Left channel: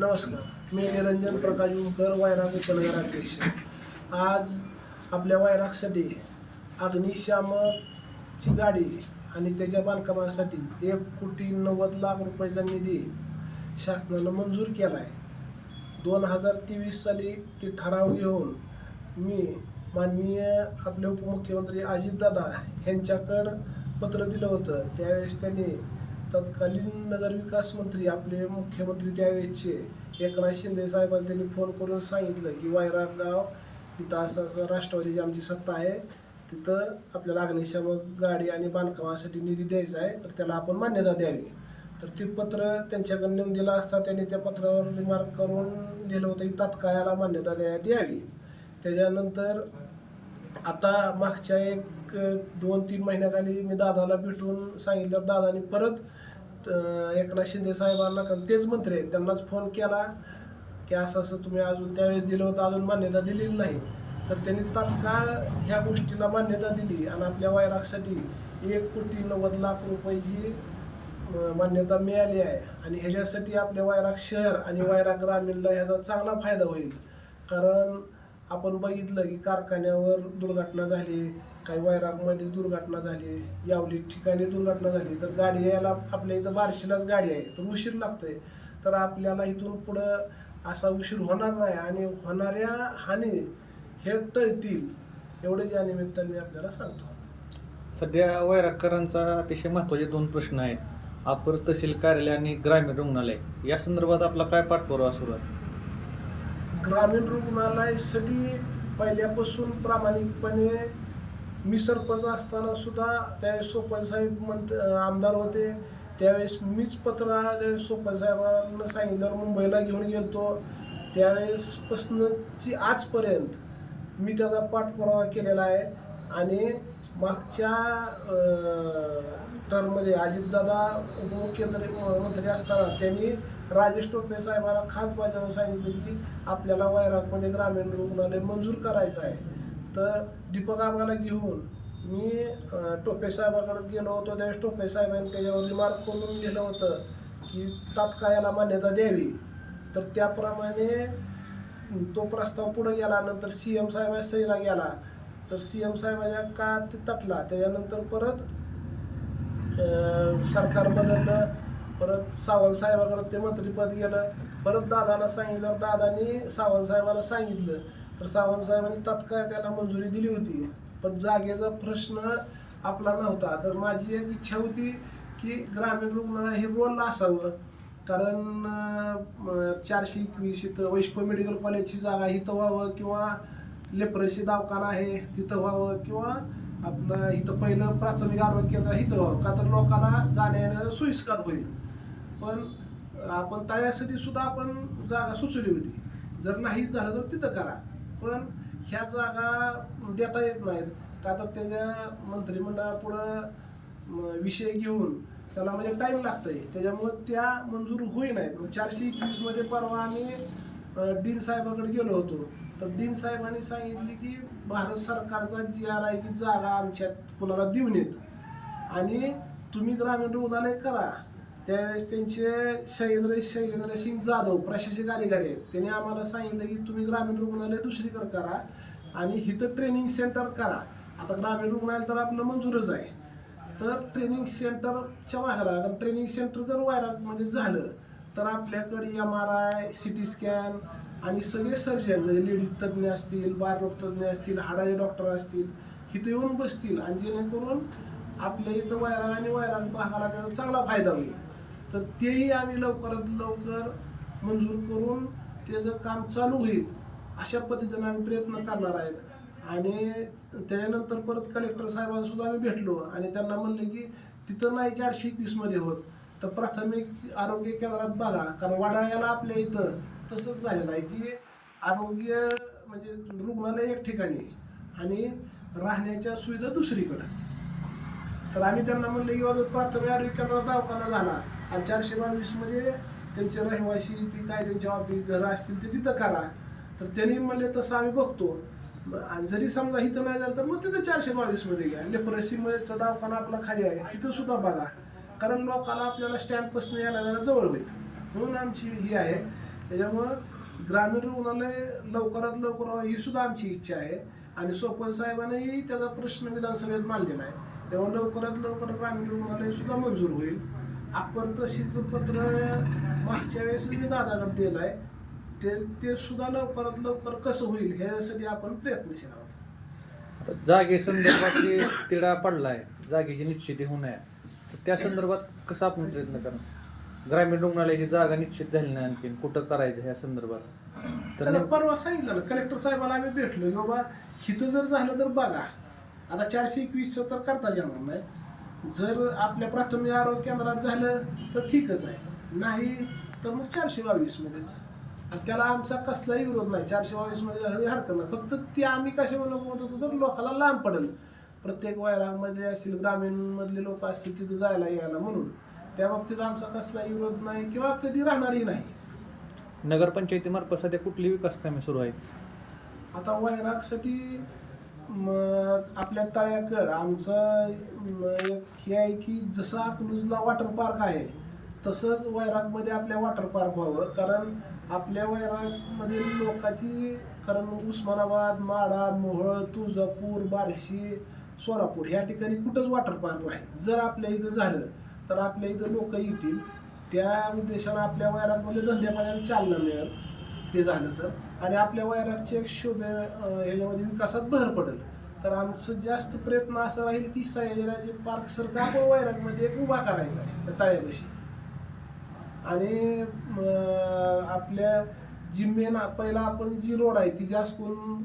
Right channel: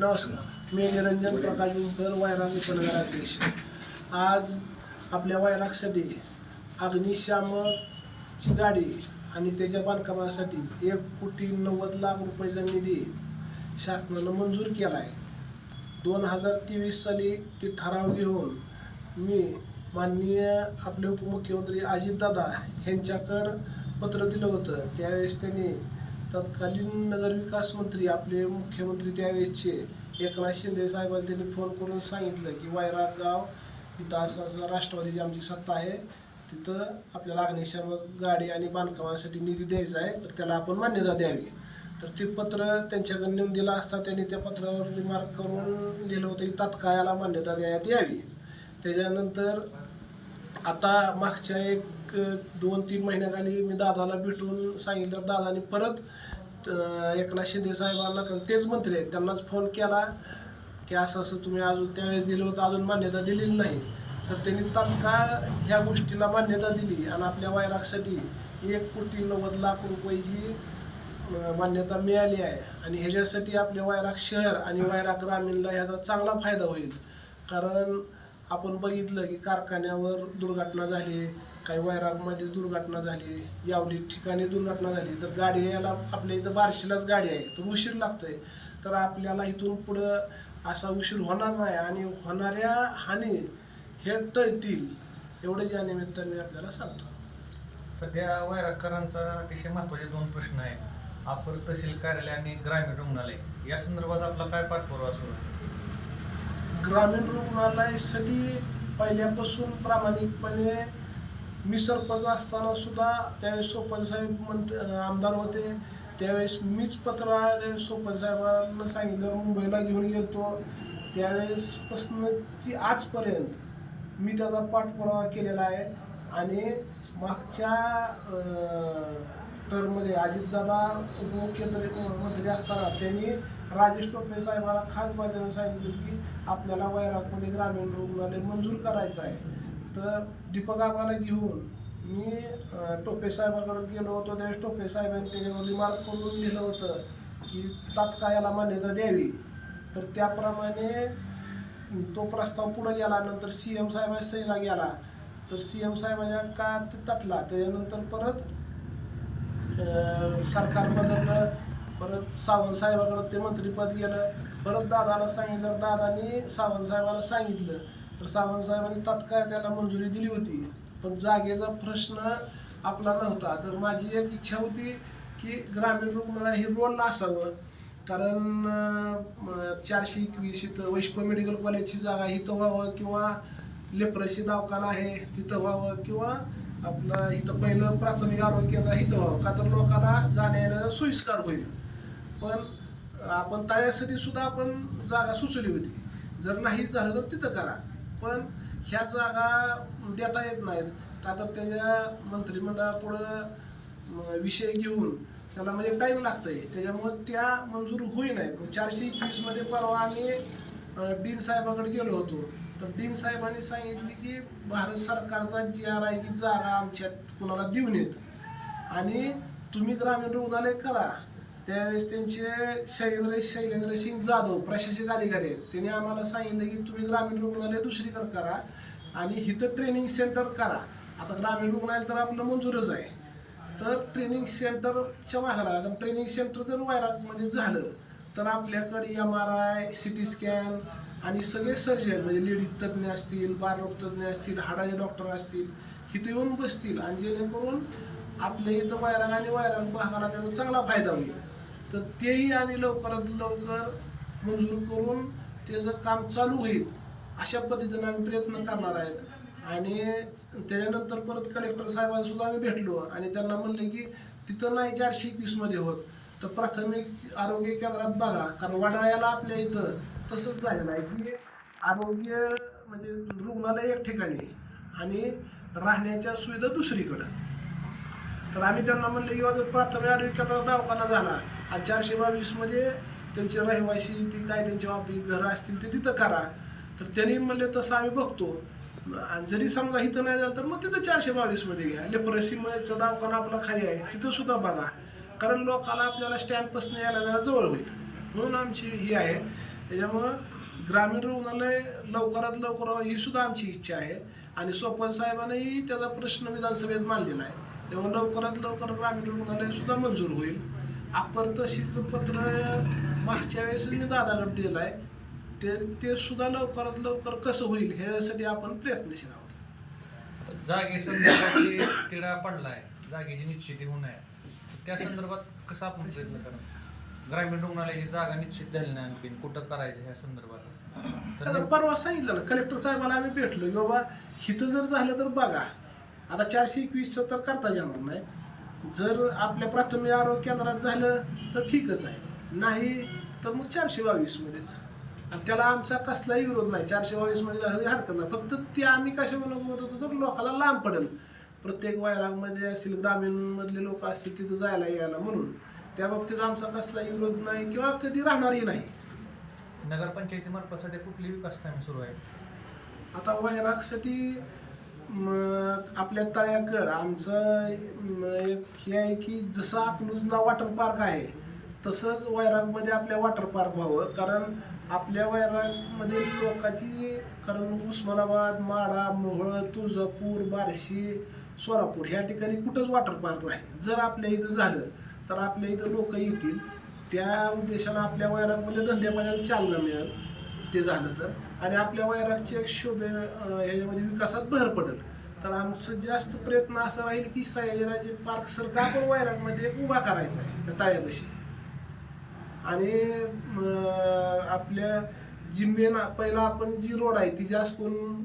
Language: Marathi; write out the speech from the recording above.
नमस्कार. मी निरंजन प्रकाश उमकर वायराग उपनगराध्यक्ष आज आपल्या वायरागसाठी अग्निशामकची गाडी आणि त्याच्या बांधकामासाठी एक कोटी नव्वद लाख रुपयाचा निधी शासनानं मंजूर केला आहे दोन हजार तेवीस साली ते ठराव घेऊन मी माननीय आपले उपमुख्यमंत्री अजितदादा यांच्याकडं पत्र दिलं होतं. त्यावेळेस त्यांनी तत्कालीन नगरविकास मंत्री आपले मुख्यमंत्री त्यावेळेचे एकनाथ शिंदे साहेबांनी त्यांनी फोन करून सांगितलं की वायराग गाव तिथं असं असं राष्ट्रवादीची आमची सत्ता आहे तिथं आपल्याला अग्निशामक गाडी आणि बांधकामासाठी निधी द्यायचा आहे तर त्याला आपण मान्यता द्यावी. तर ते पत्र त्यांच्याकडे नेऊन दिलं असता त्यांनी त्या पत्रावर रिमार्क करून लिहिलं होतं की तात्काळाला मान्यता देण्यात यावी. त्याच्यानंतर आता मागच्या एक दोन तीन महिन्याखाली मी दादाला भेटून सांगितलं दादाने परत एकनाथ शिंदे साहेबांना कारण तेच मंत्री आहेत. त्यांनाच फोन केला की असं असं तुम्ही अजून त्यावेळेस दिलं होतं अजून मान्यता दिलेली नाही. तर त्यांनी तात्काळ ह्या गोष्टीला मान्यता दिली आणि आपल्या वायरागसाठी एक कोटी नव्वद लाख रुपयाची मान्यता मिळाली आहे. आणि ह्याच्यासाठी आपल्या वायराग शहर आणि वायराग ग्रामीणला ह्याचा चांगला फायदा होईल. कारण आपण बघितलं की कारखान्यावर दुर्घटना झाली काही वैरागमध्ये दुर्घटना झाली यावली ठिकाणी दुर्घटना झाली तर गाडी यायला आपल्या इथं बारशीलाच गाडी आहे तर उशीर लागतोय. तर आपल्याला इथून पुढं असा उशीर होणार नाही आणि होणाऱ्या हानी हे टळतील एवढंच या निमित्ताने मी आपल्याला सांगतो. सध्या वैरागकरांचा अतिशय महत्त्वाचे दोन प्रश्न आहेत. अपर तहसील कार्यालय आणि ग्रामीण रुग्णालय. या संदर्भात आपला काय पाठपुरावा सुरू आहे? ग्रामीण रुग्णालयासाठी पहिल्यापासून प्रामाणिकपणे मी सरपंच असताना सुद्धा त्यावेळेस सोपन साहेब मंत आमदार होते. त्यावेळेस मीच पत्र त्यावेळेस सोपन साहेबांना सांगितल्यावर मुंबईला घेऊन गेलतो. त्यावेळेसपासूनची आजपर्यंत मी त्याचा पाठपुरावा केलेला आहे. आणि मागच्या टर्ममध्ये अजितदादा उपमुख्यमंत्री मंत्री असताना त्यांनी राजेश टोपे साहेबांना खास बाजारात सांगितलं की आपल्याला वैरागमध्ये ग्रामीण रुग्णालय मंजूर करायचं आहे. तर दीपक आम्हाला घेऊन मी टोपे साहेबाकडे गेलो होतो. त्यावेळेस टोपे साहेबांनी त्याच्यावर रिमार्क करून लिहिलं होतं की तात्काळ याला मान्यता द्यावी. तर त्याप्रमाणे तो प्रस्ताव पुढे गेला नंतर सी एम साहेबांच्या सहीला गेला. तर सी एम साहेबांच्या का ते तटला. त्याच्यानंतर परत सरकार बदललं. परत सावंत साहेबाकडे ते मंत्रीपद गेलं परत दादाला सांगितलं दादानी सावंत साहेबाला सांगितलं. तर सावंत साहेबांनी तात्काळ त्याला मंजुरी दिली होती. पण जागेचा प्रश्न आपला नव्हता. तर माझी एक इच्छा होती की ग्रामीण रुग्णालय हे रोल असावं. कारण चारशे एकवीस इथं वैष्णव मेडिकल कॉलेजची जागा इथं व्हावं किंवा लेप्रसी दवाखाना आहे तिथं व्हावं किंवा आपलं इथं पहिलं प्राथमिक आरोग्य केंद्र इथं व्हावं. का तर लोकांना जाण्या येण्याला सोयीस्कर होईल. पण आपण तळ्यासाठी सुद्धा आपण जागा सुचवली होती. जर नाहीच झालं तर तिथं करा. पण ह्या जागा देता येत नाहीत. का तर त्याच्या मंत्रिमंडळापुढं विषय घेऊन त्याला म्हणजे टाईम लागतंय. त्याच्यामुळे त्या मंजूर होई नाहीत. मग चारशे एकवीसमध्ये परवा आम्ही डीन साहेबाकडे गेलो होतो. तर डीन साहेबांनी सांगितले की भारत सरकारचा जी आर आय की जागा आमच्यात कुणाला देऊन येत. आणि तुम्ही ग्रामीण रुग्णालय करा. त्यावेळेस त्यांचे शैलेंद्र शैलेंद्र सिंग जाधव प्रशासक अधिकारी आहेत. त्यांनी आम्हाला सांगितलं की तुम्ही ग्रामीण रुग्णालय दुसरीकडे करा आणि इथं ट्रेनिंग सेंटर करा. आता ग्रामीण रुग्णालय तर आपलं मंजूरच आहे. तर ट्रेनिंग सेंटरच्या मागाला कारण ट्रेनिंग सेंटर जर वायरात म्हणजे झालं तर आपल्याकडे M R I C T scan आणि सगळे सर्जन म्हणजे लेडीज तज्ज्ञ असतील बालरोग तज्ज्ञ असतील हाडाचे डॉक्टर असतील इथं येऊन बसतील आणि जेणेकरून आपल्या इथं वैराग आणि वैराग भागाला त्याचा चांगला फायदा होईल. तर तेही आम्ही लवकरात लवकर मंजूर करून त्याचं काम चालू होईल अशा पद्धतीनं आम्ही प्रयत्न करणार आहेत. आणि त्याच्यानंतर परत कलेक्टर साहेबांना सुद्धा आम्ही भेटलो आणि त्यांना म्हणले की तिथं नाही चारशे एकवीसमध्ये होत तर प्राथमिक आरोग्य केंद्रात बघा कारण वडाळ्याला आपल्या इथं तसंच झालेलं आहे की आरोग्य म्हणजे रुग्णालय एक ठिकाणी आणि राहण्याच्या सुविधा दुसरीकडं. तर आम्ही त्यांना म्हणलं की प्राथमिक आरोग्य केंद्रात दवाखाना झाला. आणि चारशे बावीसमध्ये त्यांचे रहिवासी ती काय त्यांची ऑफिस घरं असतील ते तिथं करा. तर त्यांनी म्हणले तसं आम्ही बघतो. आणि जरी समजा इथं नाही झालं तर मग तिथं चारशे बावीसमध्ये घ्या. लेप्रसीचा दवाखाना आपला खाली आहे तिथं सुद्धा बघा. कारण लोकाला आपल्याला स्टँडपासून यायला जायला जवळ होईल. म्हणून आमची ही आहे. त्याच्यामुळं ग्रामीण रुग्णालय लवकरात लवकर ही सुद्धा आमची इच्छा आहे. आणि सोपन साहेबांनीही त्याचा प्रश्न विधानसभेत मांडलेला आहे. तेव्हा लवकरात लवकर ग्रामीण रुग्णालय सुद्धा मंजूर होईल. अप्पर तहसीलचं पत्र मागच्या वेळेस मी दादाकडे दिलं आहे ते ते सुद्धा लवकरात लवकर कसं होईल ह्यासाठी आपण प्रयत्नशील आहोत. जागे संदर्भात जे तिढा पडलाय जागेची निश्चिती होऊ नये. तर त्या संदर्भात कसं आपण प्रयत्न करणार? ग्रामीण रुग्णालयाची जागा निश्चित झाली नाही आणखी कुठं करायचं ह्या संदर्भात? तर परवा सांगितलं कलेक्टर साहेबाला आम्ही भेटलो. की बाबा हिथं जर झालं तर बघा. आता चारशे एकवीसचं तर करता येणार नाही. जर आपल्या प्राथमिक आरोग्य केंद्रात झालं तर ठीकच आहे. नाही तर मग चारशे बावीसमध्येच. आणि त्याला आमचा कसलाही विरोध नाही. चारशे बावीसमध्ये झालं तरी हरकत नाही. फक्त ते आम्ही कशावर नको म्हणत होतो तर लोकांना लांब पडेल. प्रत्येक वैरागमध्ये असतील ग्रामीणमधले लोक असतील तिथं जायला यायला म्हणून. त्या बाबतीत आमचा कसलाही विरोध नाही किंवा कधी राहणारही नाही. नगरपंचायतीमार्फत सध्या कुठली विकास कामे सुरू आहेत? आता वैरागसाठी मग आपल्या तळ्याकड आमचं एक हे आहे की जसं आपलूजला वॉटर पार्क आहे तसंच वैरागमध्ये आपल्या वॉटर पार्क व्हावं. कारण आपल्या वैरागमध्ये लोकांची कारण उस्मानाबाद माडा मोहळ तुळजापूर बार्शी सोलापूर ह्या ठिकाणी कुठंच वॉटर पार्क नाही. जर आपल्या इथं झालं तर आपल्या इथं लोक येतील. त्या उद्देशानं आपल्या वैरागमध्ये धंद्यापाण्याला चालना मिळेल. ते झालं तर. आणि आपल्या वैरागच्या शोभे ह्याच्यामध्ये विकासात भर पडेल. तर आमचं जास्त प्रयत्न असं राहील की सयाजीराजे पार्क सारखा आपण वैरागमध्ये एक उभा करायचा आहे त्या आणि आपल्या जिम्मेना पहिला आपण जी रोड आहे ती जास्त करून